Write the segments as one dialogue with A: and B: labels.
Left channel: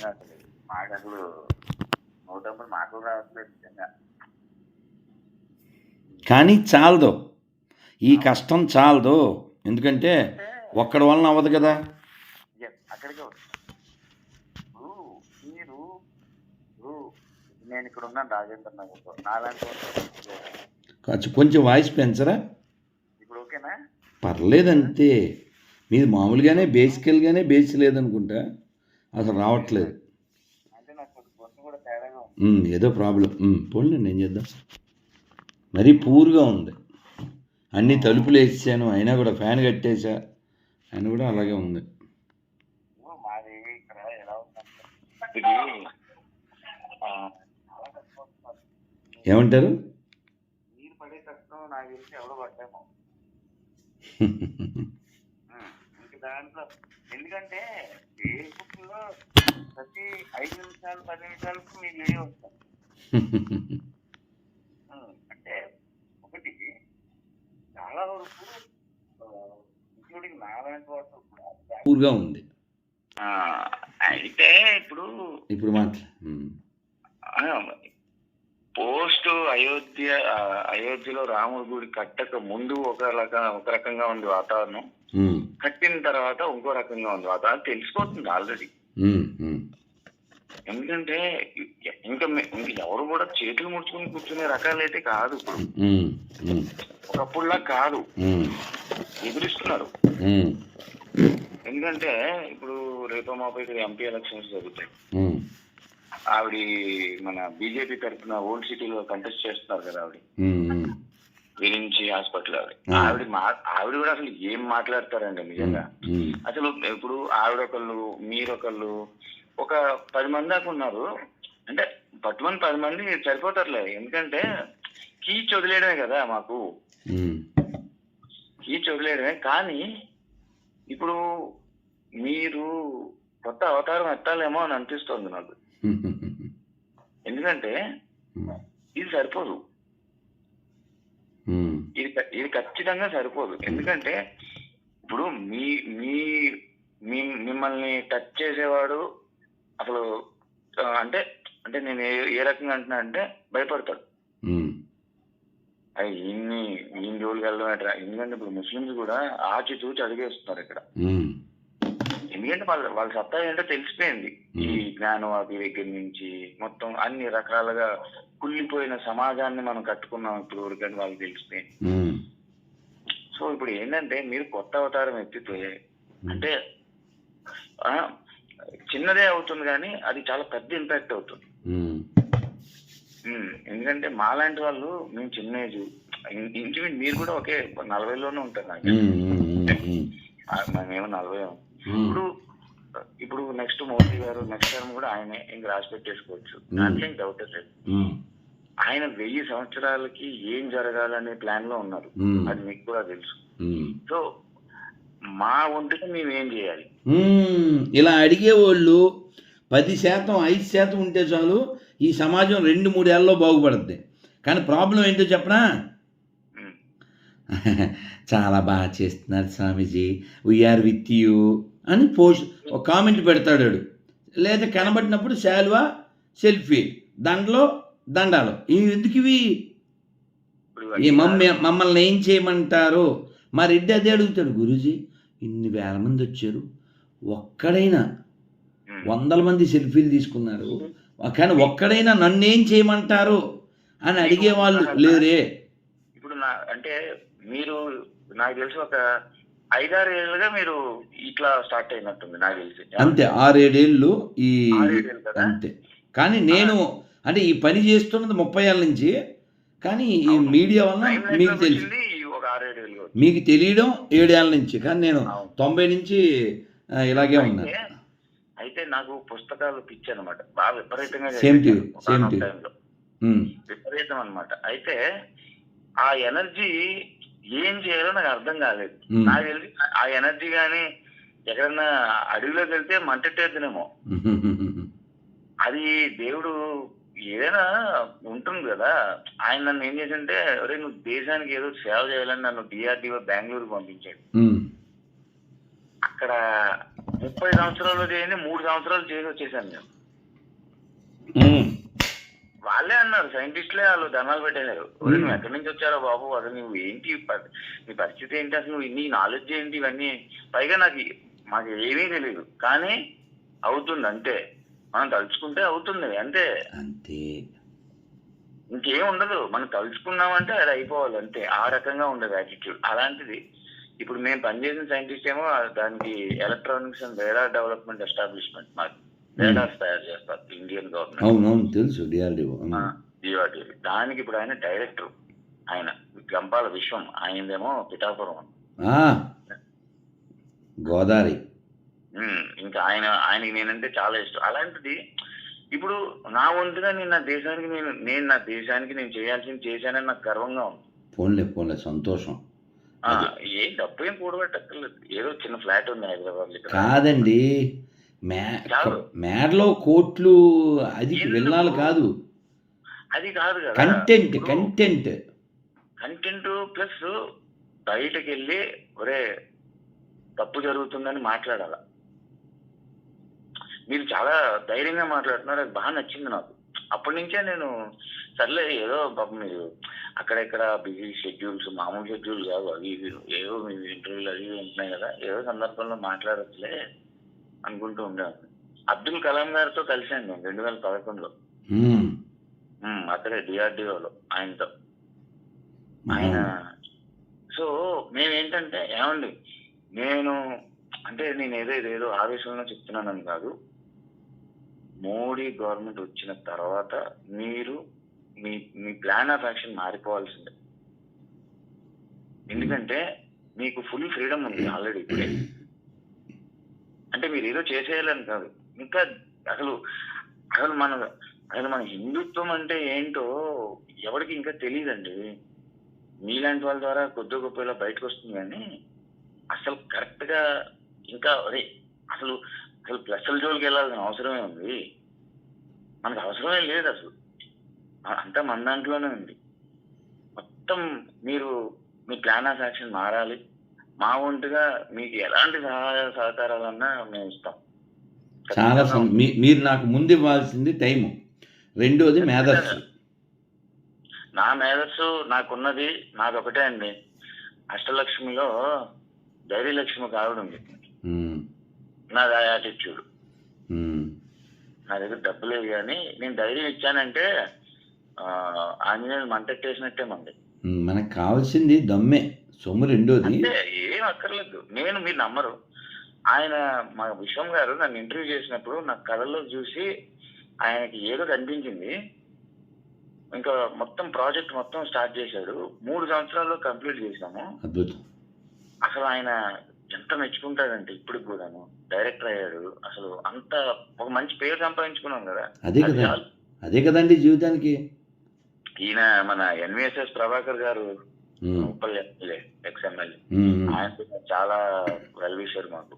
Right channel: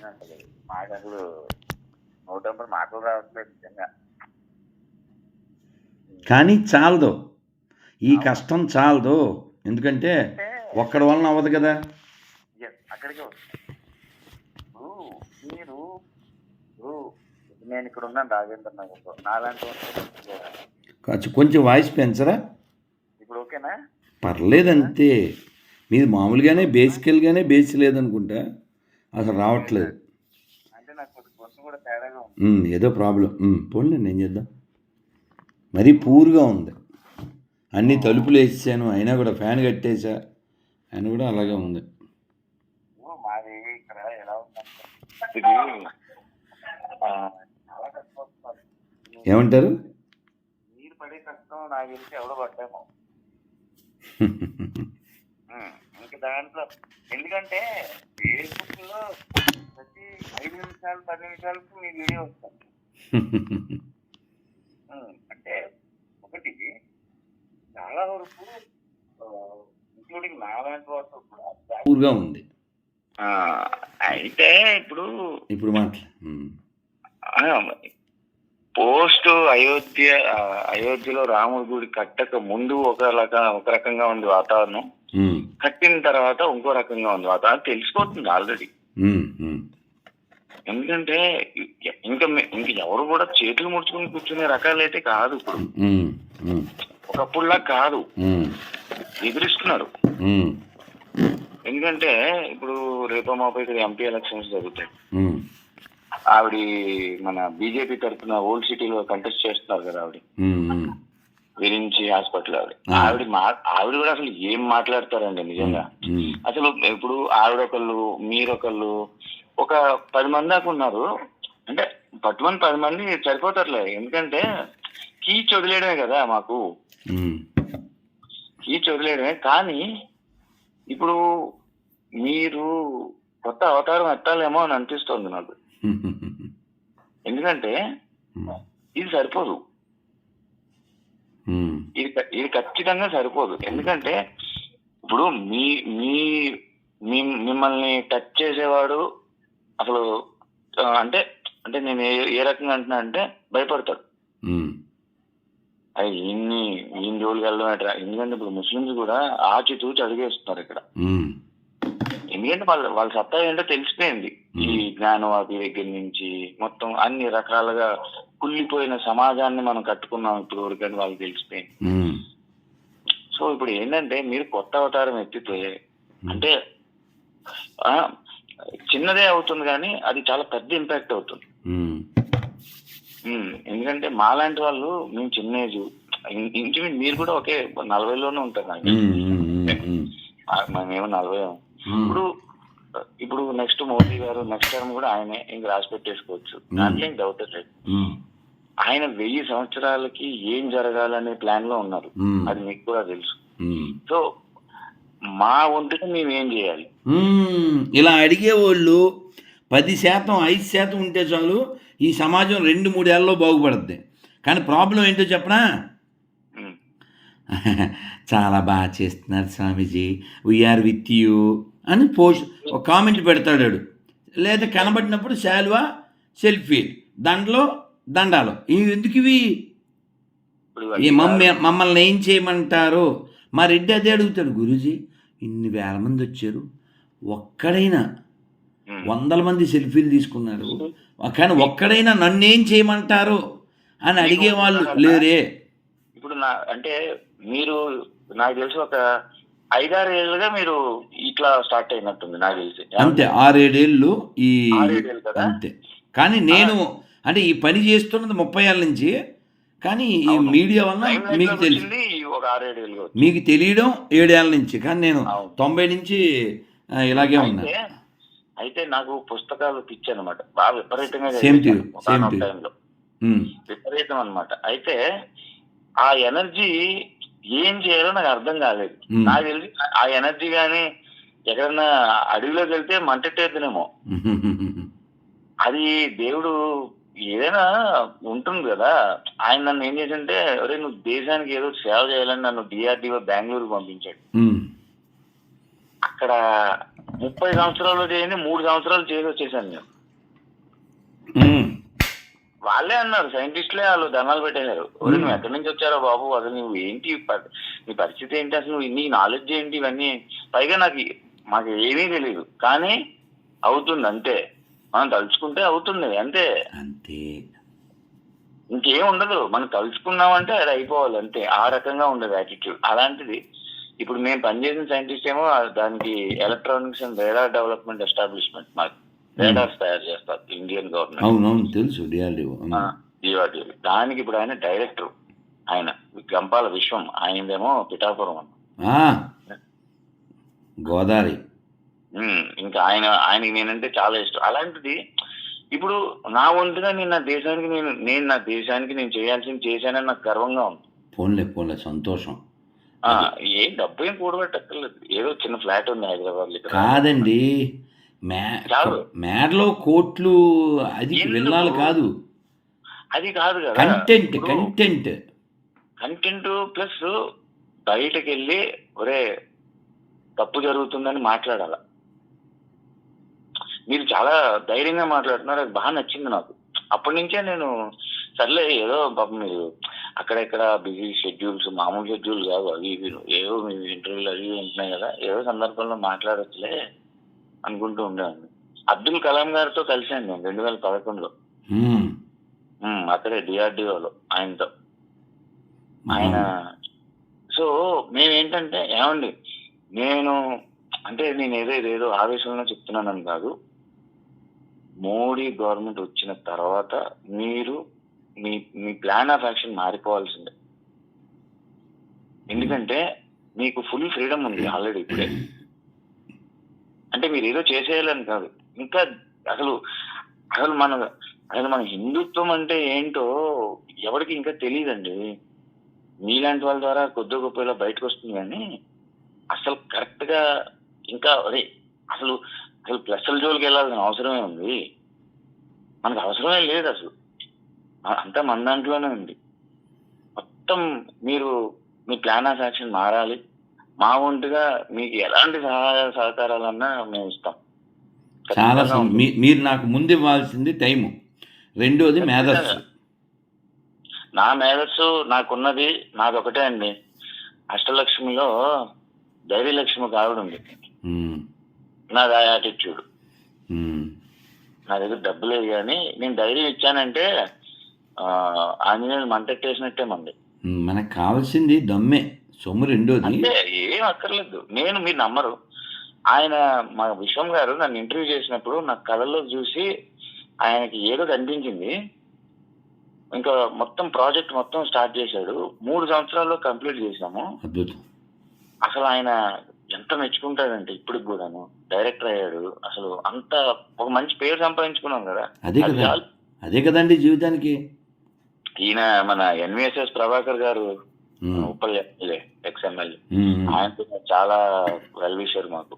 A: నిజంగా అసలు మాకు అసలు నూటంపై మాటలు రావట్లేదు నిజంగా.
B: కానీ చాలదు. ఈ కష్టం చాలదు. ఎందుకంటే ఒక్కడి వలన అవ్వదు కదా.
A: అక్కడికే మీరు నేను ఇక్కడ ఉన్నాను రాజేంద్ర నగర్లో. నాలాంటి
B: కొంచెం కొంచెం వాయిస్ పెంచరా?
A: ఇప్పుడు ఓకేనా?
B: పర్లేదంతే. మీది మామూలుగానే బేసికల్గానే బేస్ లేదనుకుంటా. అసలు రావట్లేదు.
A: అంటే నాకు కొద్ది కొంచెం కూడా తేడాగా ఉంది.
B: ఉమ్, ఏదో ప్రాబ్లం. పోండి ఏం చేద్దాం. మరీ పూర్గా ఉంది. అన్ని తలుపులు వేసాను అయినా కూడా ఫ్యాన్ కట్టేసా ఆయన కూడా అలాగే ఉంది. ఏమంటారు?
A: దాంట్లో ఎందుకంటే ఫేస్బుక్లో ప్రతి ఐదు నిమిషాలు పది నిమిషాలకు మీ వీడియో వస్తాం అంటే ఒకటి చాలా వరకు ఇంక్లూడింగ్ నాలాంటి వాళ్ళతో కూడా
B: పూర్గా ఉంది
A: అయితే ఇప్పుడు
B: ఇప్పుడు మాట్లా
A: పోస్ట్ అయోధ్య అయోధ్యలో రాముడి గుడి కట్టక ముందు ఒక రక ఒక రకంగా ఉంది వాతావరణం. కట్టిన తర్వాత ఇంకో రకంగా ఉంది వాతావరణం. తెలిసిపోతుంది ఆల్రెడీ. ఎందుకంటే ఇంకా ఇంకా ఎవరు కూడా చేతులు ముడుచుకుని కూర్చునే రకాలైతే కాదు ఇప్పుడు. ఒకప్పుడులా కాదు. ఎదురిస్తున్నారు. ఎందుకంటే ఇప్పుడు రేపో మాపో ఇక్కడ ఎంపీ ఎలక్షన్స్ జరుగుతాయి. ఆవిడ మన బీజేపీ తరఫున ఓల్డ్ సిటీలో కంటెస్ట్ చేస్తున్నారు కదా ఆవిడ. విరించి హాస్పిటల్ ఆవిడ. ఆవిడ మా ఆవిడ కూడా అసలు ఏం మాట్లాడతారండి నిజంగా? అసలు ఇప్పుడు ఆవిడ ఒకళ్ళు మీరొకళ్ళు ఒక పది మంది దాకా ఉన్నారు. అంటే పట్టుమని పది మంది సరిపోతారులే. ఎందుకంటే కీచ్ వదిలేయడమే కదా మాకు. కీచ్ వదిలేయడమే. కానీ ఇప్పుడు మీరు కొత్త అవతారం ఎత్తాలేమో అని అనిపిస్తోంది నాకు. ఎందుకంటే ఇది సరిపోదు.
B: ఉమ్,
A: ఇది ఇది ఖచ్చితంగా సరిపోదు. ఎందుకంటే ఇప్పుడు మీ మీ మిమ్మల్ని టచ్ చేసేవాడు అసలు అంటే అంటే నేను ఏ రకంగా అంటున్నా అంటే భయపడతాడు. అది ఇన్ని ఈయన జోలికి వెళ్ళడం ఎందుకంటే ఇప్పుడు ముస్లిమ్స్ కూడా ఆచి తూచి అడిగేస్తున్నారు ఇక్కడ. ఎందుకంటే వాళ్ళ వాళ్ళ సత్తా ఏంటో తెలిసిపోయింది. ఈ జ్ఞానవాది దగ్గర నుంచి మొత్తం అన్ని రకాలుగా కుళ్ళిపోయిన సమాజాన్ని మనం కట్టుకున్నాం ఇప్పుడు వరకు వాళ్ళకి తెలిసిపోయింది. సో ఇప్పుడు ఏంటంటే మీరు కొత్త అవతారం ఎత్తితే అంటే చిన్నదే అవుతుంది కానీ అది చాలా పెద్ద ఇంపాక్ట్ అవుతుంది. ఎందుకంటే మాలాంటి వాళ్ళు మేము చిన్న ఏజ్ ఇంచుమించు మీరు కూడా ఒకే నలభైలోనే ఉంటారు నాకు మేమేమో నలభై ఇప్పుడు ఇప్పుడు నెక్స్ట్ మోదీ గారు నెక్స్ట్ టర్మ్ కూడా ఆయనే ఇంక రాసి పెట్టేసుకోవచ్చు దాంట్లో ఏం డౌట్ లేదు.
B: ఉమ్,
A: ఆయన వెయ్యి సంవత్సరాలకి ఏం జరగాలనే ప్లాన్లో ఉన్నారు. అది మీకు కూడా తెలుసు. సో మా వంతుగా మేము ఏం చేయాలి.
B: ఇలా అడిగేవాళ్ళు పది శాతం ఐదు శాతం ఉంటే చాలు ఈ సమాజం రెండు మూడేళ్ళలో బాగుపడుద్ది. కానీ ప్రాబ్లం ఏంటో చెప్పనా? చాలా బాగా చేస్తున్నారు Swamiji. We are with you అని పోస్ట్ ఒక కామెంట్ పెడతాడు. లేదా కనబడినప్పుడు శాల్వా సెల్ఫీ దండలో దండాలు. ఇవి ఎందుకు ఇవి? మమ్మ మమ్మల్ని ఏం చేయమంటారు? మా రెడ్డి అదే అడుగుతాడు గురూజీ ఇన్ని వేల మంది వచ్చారు. ఒక్కడైనా. వందల మంది సెల్ఫీలు తీసుకున్నారు. కానీ ఒక్కడైనా నన్నేం చేయమంటారు? అని అడిగే వాళ్ళు లేరే.
A: ఇప్పుడు నా అంటే మీరు నాకు తెలిసి ఒక ఐదారు ఏళ్ళుగా మీరు ఇట్లా స్టార్ట్ అయినట్టుంది నాకు తెలిసి
B: అంతే ఆరేడేళ్ళు ఈ? అంతే కానీ నేను అంటే ఈ పని చేస్తున్నది ముప్పై ఏళ్ళ నుంచి కానీ ఈ. మీడియా వల్ల మీకు తెలుసు. మీకు తెలియడం ఏడేళ్ళ నుంచి కానీ నేను. తొంభై నుంచి ఇలాగే ఉన్నా
A: అయితే నాకు పుస్తకాలు పిచ్చి అనమాట బాగా విపరీతంగా.
B: ఉమ్,
A: విపరీతం అనమాట అయితే ఆ ఎనర్జీ ఏం చేయాలో నాకు అర్థం కాలేదు. నాకు తెలిసి ఆ ఎనర్జీ కానీ ఎక్కడన్నా అడవిలోకి వెళ్తే మంటెట్టేద్దునేమో అది దేవుడు ఏదైనా ఉంటుంది కదా. ఆయన నన్ను ఏం చేసింటే ఒరే నువ్వు దేశానికి ఏదో సేవ చేయాలని నన్ను డిఆర్డిఓ బెంగళూరు పంపించాడు. అక్కడ ముప్పై సంవత్సరాలు చేయండి మూడు సంవత్సరాలు చేసి వచ్చేసాను నేను. వాళ్ళే అన్నారు సైంటిస్టులే వాళ్ళు దండాలు పెట్టేశారు. "ఒరేయ్, నువ్వు ఎక్కడి నుంచి వచ్చారో బాబు? అసలు నువ్వు ఏంటి నీ పరిస్థితి ఏంటి? అసలు నువ్వు నీ నాలెడ్జ్ ఏంటి ఇవన్నీ? పైగా నాకు మాకు ఏమీ తెలియదు కానీ అవుతుంది అంతే. మనం తలుచుకుంటే అవుతుంది అంతే.
B: అంతే.
A: ఇంకేం ఉండదు. మనం తలుచుకున్నామంటే అది అయిపోవాలి అంతే. ఆ రకంగా ఉండదు యాటిట్యూడ్ అలాంటిది ఇప్పుడు మేము పనిచేసిన సైంటిస్ట్ ఏమో దానికి electronics and radar development establishment మాకు రేడార్స్ తయారు చేస్తారు ఇండియన్ గవర్నమెంట్
B: అవునవును తెలుసు డిఆర్డిఓ
A: దానికి ఇప్పుడు ఆయన డైరెక్టర్ ఆయన గంపాల విశ్వం ఆయనదేమో పిఠాపురం
B: గోదావరి.
A: ఉమ్, ఇంకా ఆయన ఆయనకి నేనంటే చాలా ఇష్టం. అలాంటిది ఇప్పుడు నా వంతుగా నేను నా దేశానికి నేను నేను నా దేశానికి నేను చేయాల్సింది చేశానని నాకు గర్వంగా ఉంది.
B: పోన్లే పోన్లే సంతోషం.
A: ఏ డబ్బు ఏం కూడబెట్టక్కర్లేదు. ఏదో చిన్న ఫ్లాట్ ఉంది హైదరాబాద్
B: కాదండి. మేడలో కోట్లు అది? వెళ్ళాలి కాదు.
A: అది కాదు కదా.
B: Content content.
A: కంటెంట్ ప్లస్ బయటకు వెళ్ళి ఒరే తప్పు జరుగుతుందని మాట్లాడాల. మీరు చాలా ధైర్యంగా మాట్లాడుతున్నారు. అది బాగా నచ్చింది నాకు. అప్పటి నుంచే నేను సర్లే ఏదో పాపం మీరు అక్కడెక్కడ బిజీ షెడ్యూల్స్ మామూలు షెడ్యూల్ కాదు అవి ఇవి ఏవో మీ ఇంటర్వ్యూలు అవి ఉంటున్నాయి కదా. ఏదో సందర్భంలో మాట్లాడొచ్చులే. అనుకుంటూ ఉండేవాడిని. అబ్దుల్ కలాం గారితో కలిశాను నేను రెండు వేల పదకొండులో అక్కడే డిఆర్డిఓలో ఆయనతో. ఆయన సో మేమేంటంటే ఏమండి నేను అంటే నేను ఏదో ఏదో ఆవేశంలో చెప్తున్నానని కాదు. మోడీ గవర్నమెంట్ వచ్చిన తర్వాత మీరు మీ మీ ప్లాన్ ఆఫ్ యాక్షన్ మారిపోవాల్సిందే. ఎందుకంటే మీకు ఫుల్ ఫ్రీడమ్ ఉంది ఆల్రెడీ ఇప్పుడే. అంటే మీరు ఏదో చేసేయాలని కాదు. ఇంకా అసలు అసలు మన అసలు మన హిందుత్వం అంటే ఏంటో ఎవరికి ఇంకా తెలియదండి మీలాంటి వాళ్ళ ద్వారా కొద్ది గొప్ప ఇలా బయటకు వస్తుంది కానీ అసలు కరెక్ట్గా ఇంకా అదే అసలు అసలు ప్లస్ల జోలికి వెళ్ళాల్సిన అవసరమే ఉంది. మనకు అవసరమే లేదు అసలు. అంతా మన దాంట్లోనే ఉంది. మొత్తం మీరు మీ ప్లాన్ ఆఫ్ యాక్షన్ మారాలి. మా వంతుగా మీకు ఎలాంటి సహాయ సహకారాలన్నా మేము ఇస్తాం.
B: చాలా మీరు నాకు ముందు ఇవ్వాల్సింది టైము. రెండోది మేధస్సు.
A: నా మేధస్సు నాకున్నది నాది ఒకటే అండి. అష్టలక్ష్మిలో ధైర్యలక్ష్మి
B: ఉమ్.
A: నాది ఆ యాటిట్యూడ్. నా దగ్గర డబ్బు లేదు కానీ నేను ధైర్యం ఇచ్చానంటే ఆంజనేయులు మంటెట్టేసినట్టే మంది.
B: మనకు కావాల్సింది దమ్మే. సొమ్ము రెండోది.
A: అంటే ఏం అక్కర్లేదు. నేను మీరు నమ్మరు. ఆయన మా విశ్వం గారు నన్ను ఇంటర్వ్యూ చేసినప్పుడు నా కళల్లో చూసి ఆయనకి ఏదో కనిపించింది. ఇంకా మొత్తం ప్రాజెక్ట్ మొత్తం స్టార్ట్ చేశాడు. మూడు సంవత్సరాల్లో కంప్లీట్ చేశాము.
B: అద్భుతం.
A: అసలు ఆయన ఎంత మెచ్చుకుంటాడంటే ఇప్పటికి కూడాను. డైరెక్టర్ అయ్యాడు. అసలు అంత ఒక మంచి పేరు సంపాదించుకున్నాం కదా.
B: అదే
A: అది
B: కదా. అదే కదండి జీవితానికి.
A: ఈయన మన ఎన్విఎస్ఎస్ ప్రభాకర్ గారు. Uppal MLA ex MLA
B: um.
A: ఆయన చాలా వెల్ విషర్ మాకు.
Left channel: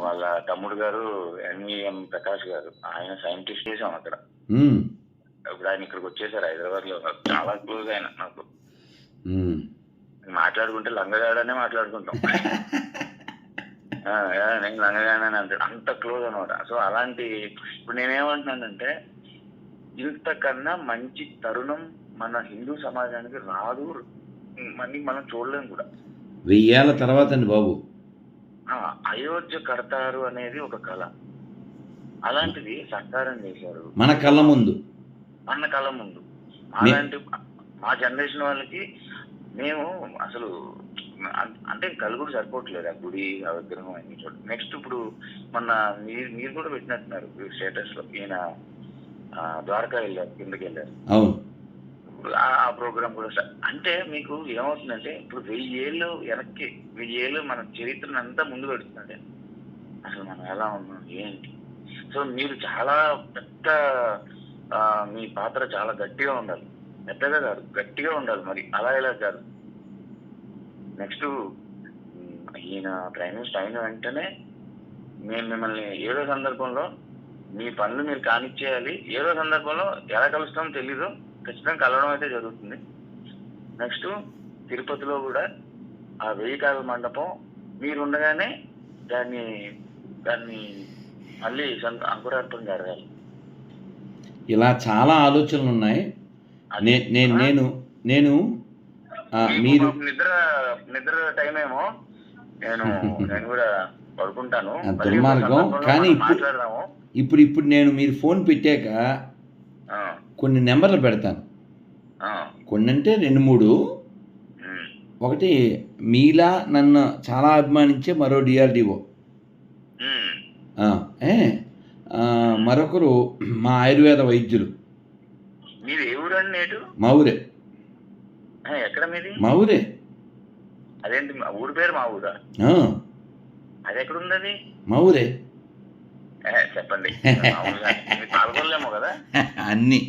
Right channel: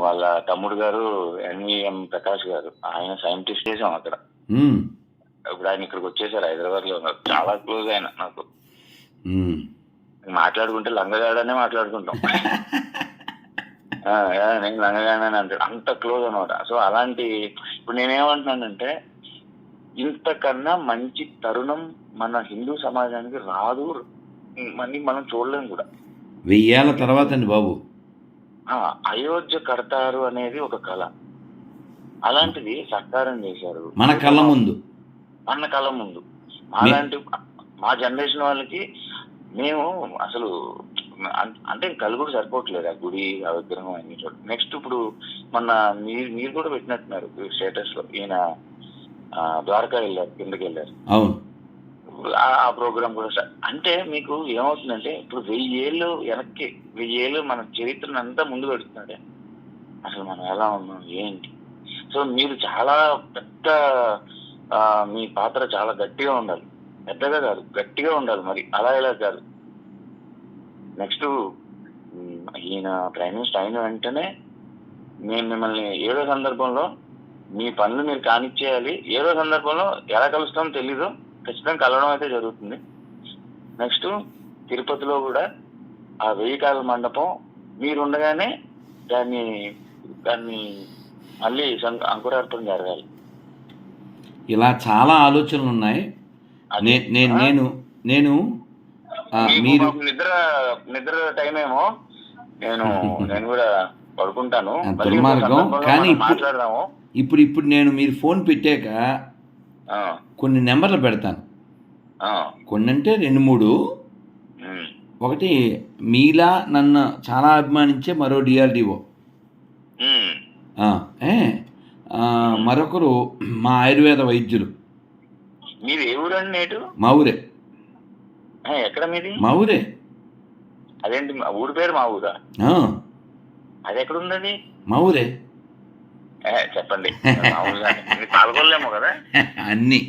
A: వాళ్ళ తమ్ముడు గారు ఎన్విఎం ప్రకాష్ గారు ఆయన సైంటిస్ట్ చేసాం అక్కడ. ఇప్పుడు ఆయన ఇక్కడికి వచ్చేసారు హైదరాబాద్లో ఉన్నారు. చాలా క్లోజ్ ఆయన నాకు. మాట్లాడుకుంటే లంగగాడనే మాట్లాడుకుంటాం. నేను లంగగాడని అంటాడు. అంత క్లోజ్ అనమాట సో అలాంటి ఇప్పుడు నేనేమంటున్నానంటే ఇంతకన్నా మంచి తరుణం మన హిందూ సమాజానికి రాదు. మళ్ళీ మనం చూడలేం కూడా.
B: వెయ్యేళ్ళ తర్వాత అండి బాబు
A: అయోధ్య కడతారు అనేది ఒక కళ. అలాంటిది సత్కారం చేశారు.
B: మన కళ్ళ ముందు.
A: మన కళ ముందు. అలాంటి మా జనరేషన్ వాళ్ళకి మేము అసలు అంటే కలుగుడు సరిపోవట్లేదు ఆ గుడి ఆ విగ్రహం అన్ని చోట్ల. నెక్స్ట్ ఇప్పుడు మొన్న మీరు మీరు కూడా పెట్టినట్టున్నారు స్టేటస్లో ఈయన ద్వారకా వెళ్ళారు కిందకి వెళ్ళారు.
B: అవును.
A: ఆ- ప్రోగ్రామ్ కూడా అంటే మీకు ఏమవుతుందంటే ఇప్పుడు వెయ్యి ఏళ్ళు వెనక్కి వెయ్యి ఏళ్ళు మన చరిత్రను అంతా ముందు పెడుతున్నాడే. అసలు మనం ఎలా ఉన్నాం ఏంటి? సో మీరు చాలా పెద్ద మీ పాత్ర చాలా గట్టిగా ఉండాలి. పెద్దగా కాదు గట్టిగా ఉండాలి మరి. అలా ఇలా కాదు. నెక్స్ట్ ఈయన ప్రైమ్ మినిస్టర్ అయిన వెంటనే మేము మిమ్మల్ని ఏదో సందర్భంలో మీ పనులు మీరు కానిచ్చేయాలి. ఏదో సందర్భంలో ఎలా కలుస్తామో తెలీదు. ఖచ్చితంగా కలవడం అయితే జరుగుతుంది. నెక్స్ట్ తిరుపతిలో కూడా ఆ వెయ్యి కాల మండపం మీరు ఉండగానే దాన్ని దాన్ని మళ్ళీ అంకురార్పణ జరగాలి.
B: ఇలా చాలా ఆలోచనలు ఉన్నాయి. నేను? నేను నేను మీరు
A: నిద్ర నిద్ర టైం ఏమో నేను నేను కూడా పడుకుంటాను.
B: దుర్మార్గం. కానీ
A: మాట్లాడదాము.
B: ఇప్పుడు ఇప్పుడు నేను మీరు ఫోన్ పెట్టాక కొన్ని నెంబర్లు పెడతాను. కొన్ని అంటే రెండు మూడు. ఒకటి మీలా నన్ను చాలా అభిమానించే మరో డిఆర్డిఓ. ఏ? మరొకరు మా ఆయుర్వేద వైద్యులు.
A: మీది ఏ ఊరండి నేటు?
B: మా ఊరే
A: ఎక్కడ మీది?
B: మా ఊరే
A: అదేంటి మా ఊరి పేరు మా ఊరా? అది ఎక్కడ ఉంది
B: మా ఊరే.
A: ఏ, చెప్పండి. పాల్గొనలేమో కదా.
B: అన్నీ.